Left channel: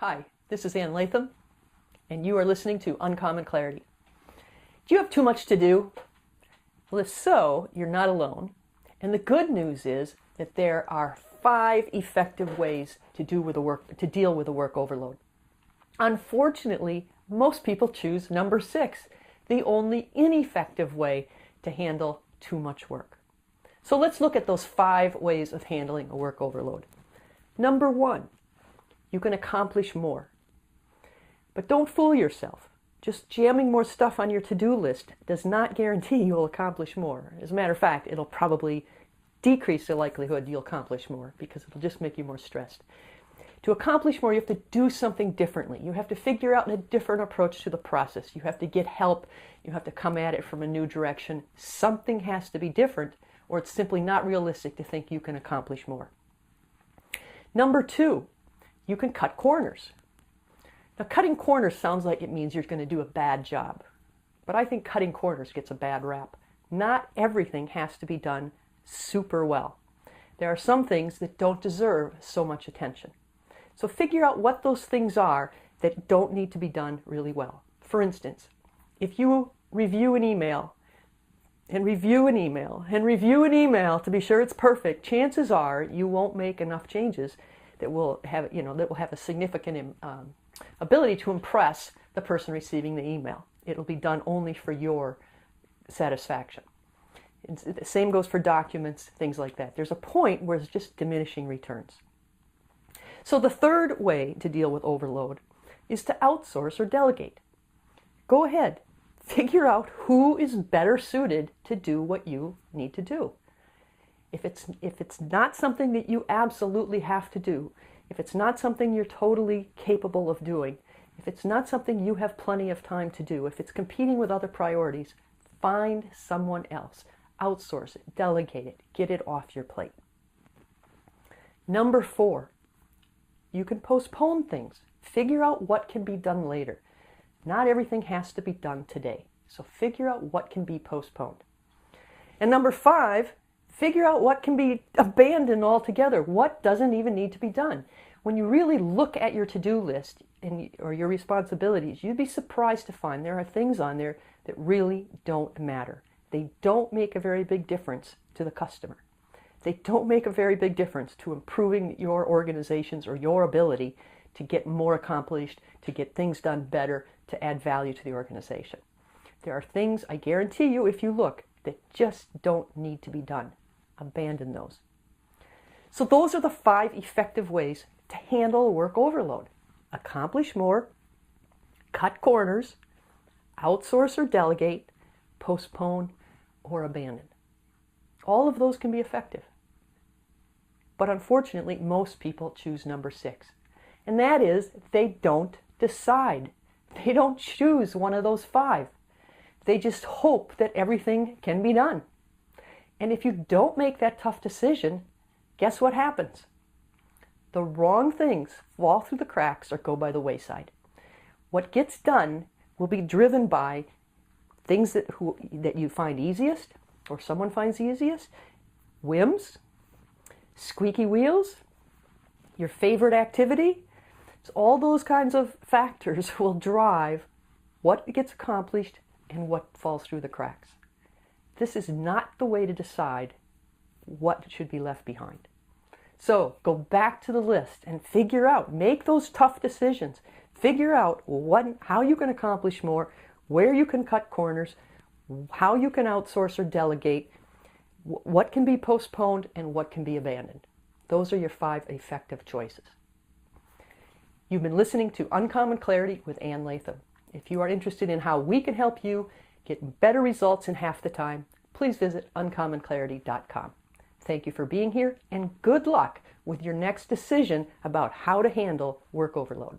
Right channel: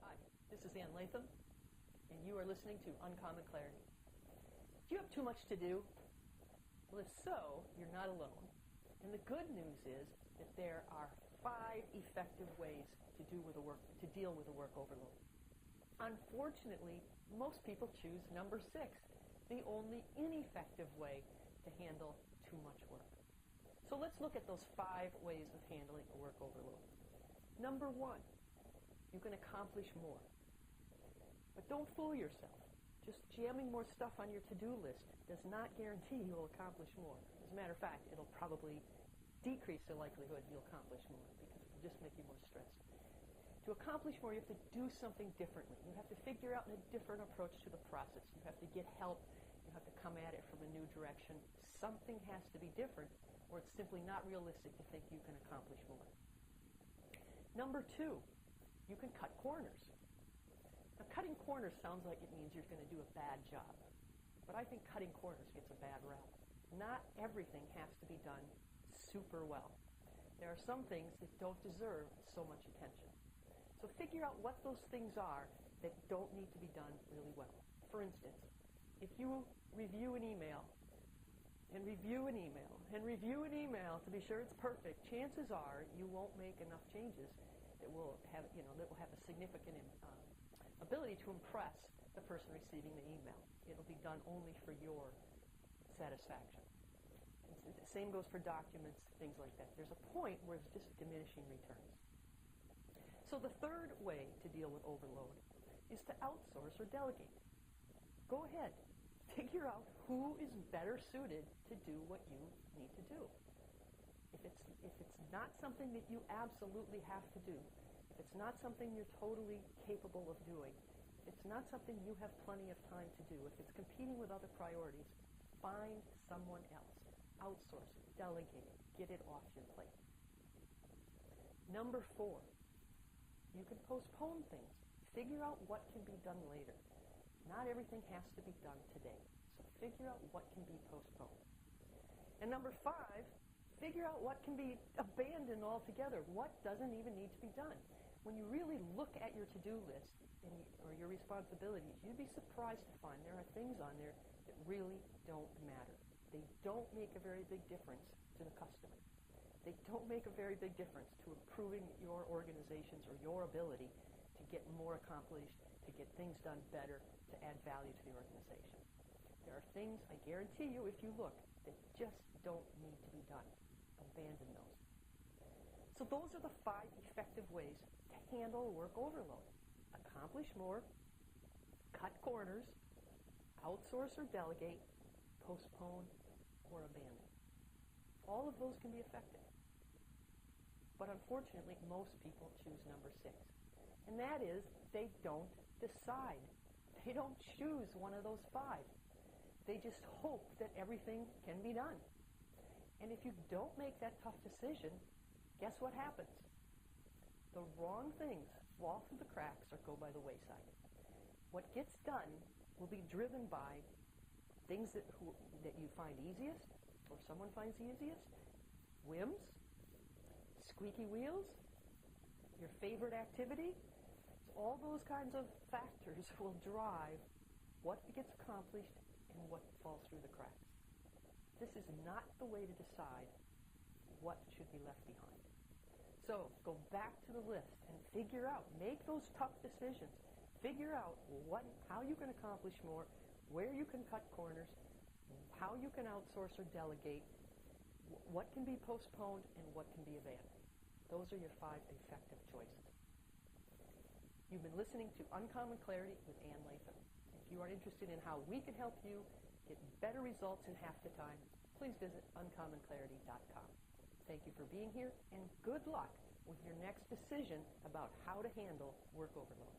Hi, this is Latham, and you are listening to Uncommon Clarity. Do you have too much to do? Well, if so, you're not alone. And the good news is that there are 5 effective ways to deal with a work overload. Unfortunately, most people choose number 6, the only ineffective way to handle too much work. So let's look at those 5 ways of handling a work overload. Number 1, you can accomplish more. But don't fool yourself. Just jamming more stuff on your to-do list does not guarantee you'll accomplish more. As a matter of fact, it'll probably decrease the likelihood you'll accomplish more because it'll just make you more stressed. To accomplish more, you have to do something differently. You have to figure out a different approach to the process. You have to get help. You have to come at it from a new direction. Something has to be different, or it's simply not realistic to think you can accomplish more. Number 2, you can cut corners. Now, cutting corners sounds like it means you're going to do a bad job. But I think cutting corners gets a bad rap. Not everything has to be done super well. There are some things that don't deserve so much attention. So figure out what those things are that don't need to be done really well. For instance, if you review an email and review an email and review an email to be sure it's perfect, chances are you won't make enough changes that will have a significant ability to impress the person receiving the email. It'll be done only for your satisfaction. The same goes for documents, things like that. There's a point where it's just diminishing returns. So the third way to deal with overload is to outsource or delegate. Go ahead, figure out who is better suited to do what you need to do. If it's not something that you absolutely have to do, if it's not something you're totally capable of doing, if it's not something you have plenty of time to do, if it's competing with other priorities, find someone else. Outsource it, delegate it, get it off your plate. Number 4, you can postpone things. Figure out what can be done later. Not everything has to be done today, so figure out what can be postponed. And number 5, figure out what can be abandoned altogether. What doesn't even need to be done? When you really look at your to-do list or your responsibilities, you'd be surprised to find there are things on there that really don't matter. They don't make a very big difference to the customer. They don't make a very big difference to improving your organizations or your ability to get more accomplished, to get things done better, to add value to the organization. There are things, I guarantee you, if you look, that just don't need to be done. Abandon those. So those are the 5 effective ways to handle work overload. Accomplish more, cut corners, outsource or delegate, postpone or abandon. All of those can be effective. But unfortunately, most people choose number 6. And that is, they don't decide. They don't choose one of those 5. They just hope that everything can be done. And if you don't make that tough decision, guess what happens? The wrong things fall through the cracks or go by the wayside. What gets done will be driven by things that you find easiest or someone finds easiest, whims, squeaky wheels, your favorite activity. So all those kinds of factors will drive what gets accomplished and what falls through the cracks. This is not the way to decide what should be left behind. So go back to the list and figure out, make those tough decisions. Figure out how you can accomplish more, where you can cut corners, how you can outsource or delegate, what can be postponed and what can be abandoned. Those are your 5 effective choices. You've been listening to Uncommon Clarity with Ann Latham. If you are interested in how we can help you get better results in half the time, please visit uncommonclarity.com. Thank you for being here, and good luck with your next decision about how to handle work overload.